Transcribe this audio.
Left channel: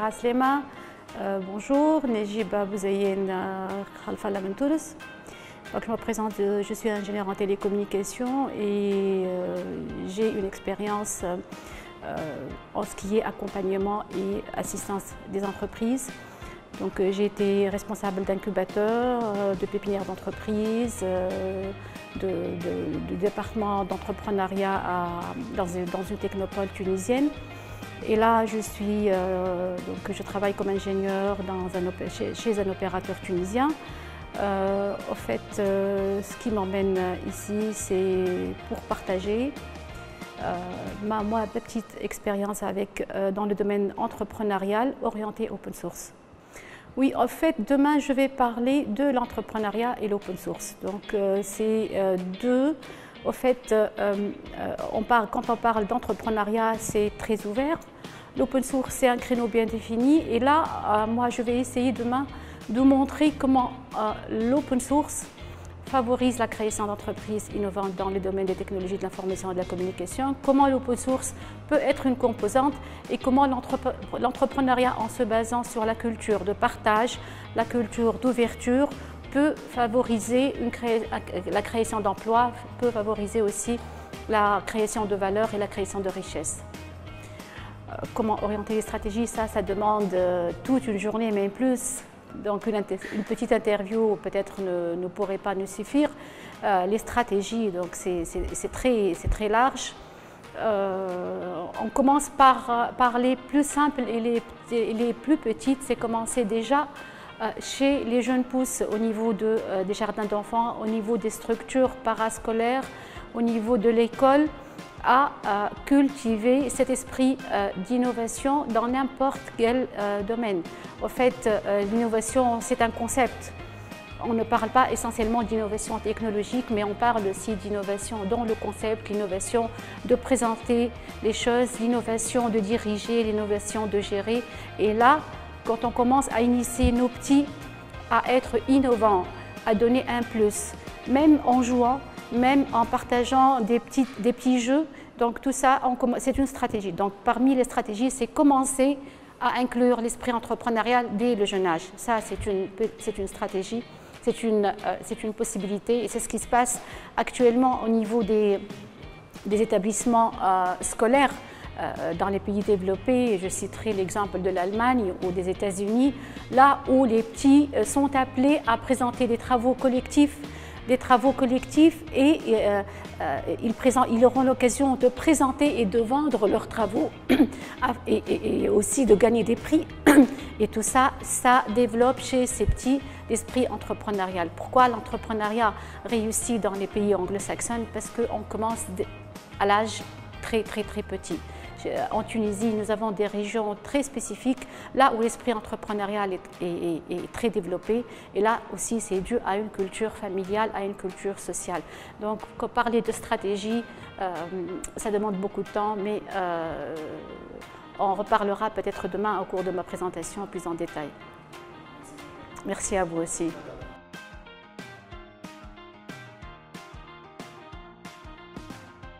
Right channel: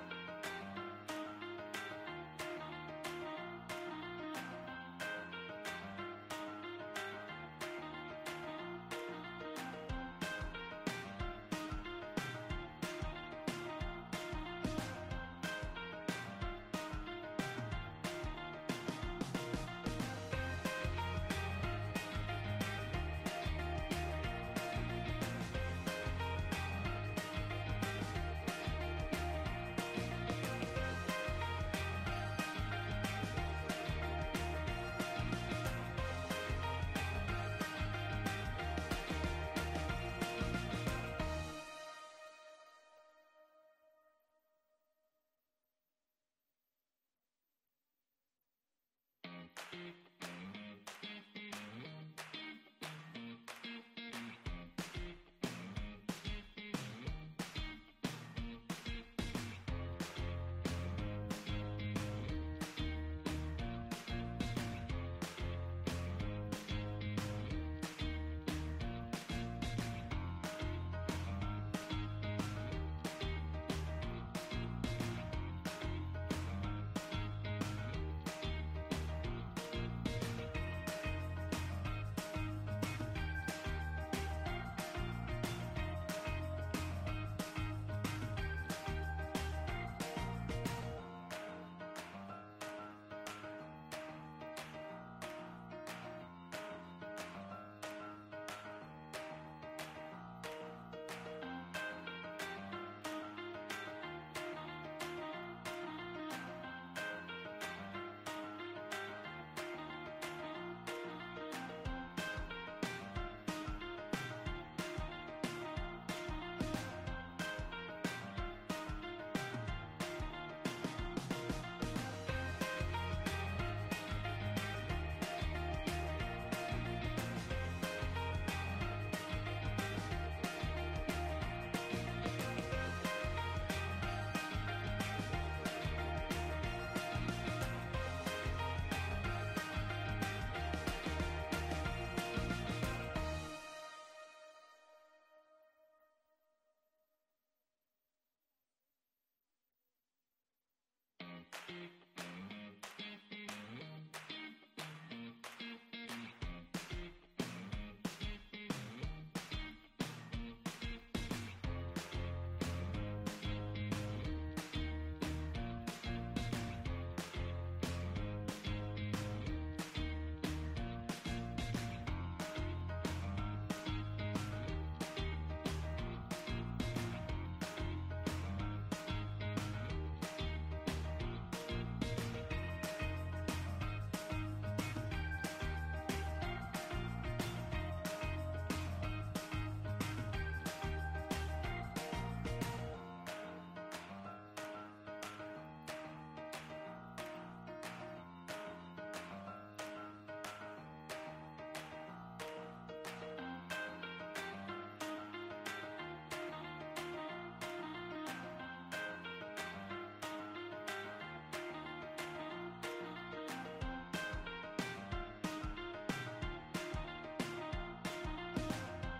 Aslema, bonjour, Nejiba Bouzayen Khalfa Lamentoulis. Je me présente, je suis ingénieure en télécommunications et j'ai une expérience en ce qui est accompagnement et assistance des entreprises. Donc j'ai été responsable d'incubateur, de pépinière d'entreprise, du département d'entrepreneuriat dans une technopole tunisienne. Et là, je travaille comme ingénieur chez un opérateur tunisien. En fait, ce qui m'emmène ici, c'est pour partager ma petite expérience dans le domaine entrepreneurial orienté open source. Oui, en fait, demain, je vais parler de l'entrepreneuriat et l'open source. Donc, c'est deux. En fait, quand on parle d'entrepreneuriat, c'est très ouvert. L'open source, c'est un créneau bien défini. Et là, moi, je vais essayer demain de montrer comment l'open source favorise la création d'entreprises innovantes dans le domaine des technologies de l'information et de la communication, comment l'open source peut être une composante et comment l'entrepreneuriat, en se basant sur la culture de partage, la culture d'ouverture, peut favoriser la création d'emplois, peut favoriser aussi la création de valeur et la création de richesse. Comment orienter les stratégies, ça demande toute une journée, mais plus. Donc une petite interview peut-être ne pourrait pas nous suffire. Les stratégies, donc c'est très large. On commence par les plus simples et les plus petites. C'est commencer déjà chez les jeunes pousses au niveau des jardins d'enfants, au niveau des structures parascolaires, au niveau de l'école, à cultiver cet esprit d'innovation dans n'importe quel domaine. En fait, l'innovation, c'est un concept. On ne parle pas essentiellement d'innovation technologique, mais on parle aussi d'innovation dans le concept, l'innovation de présenter les choses, l'innovation de diriger, l'innovation de gérer. Et là, quand on commence à initier nos petits à être innovants, à donner un plus, même en jouant, même en partageant des petits jeux. Donc tout ça, c'est une stratégie. Donc parmi les stratégies, c'est commencer à inclure l'esprit entrepreneurial dès le jeune âge. Ça, c'est une stratégie, c'est une possibilité et c'est ce qui se passe actuellement au niveau des établissements scolaires dans les pays développés. Je citerai l'exemple de l'Allemagne ou des États-Unis, là où les petits sont appelés à présenter des travaux collectifs et ils auront l'occasion de présenter et de vendre leurs travaux et aussi de gagner des prix. Et tout ça, ça développe chez ces petits l'esprit entrepreneurial. Pourquoi l'entrepreneuriat réussit dans les pays anglo-saxons? Parce qu'on commence à l'âge très petit. En Tunisie, nous avons des régions très spécifiques, là où l'esprit entrepreneurial est très développé. Et là aussi, c'est dû à une culture familiale, à une culture sociale. Donc, parler de stratégie, ça demande beaucoup de temps, mais on reparlera peut-être demain au cours de ma présentation plus en détail. Merci à vous aussi.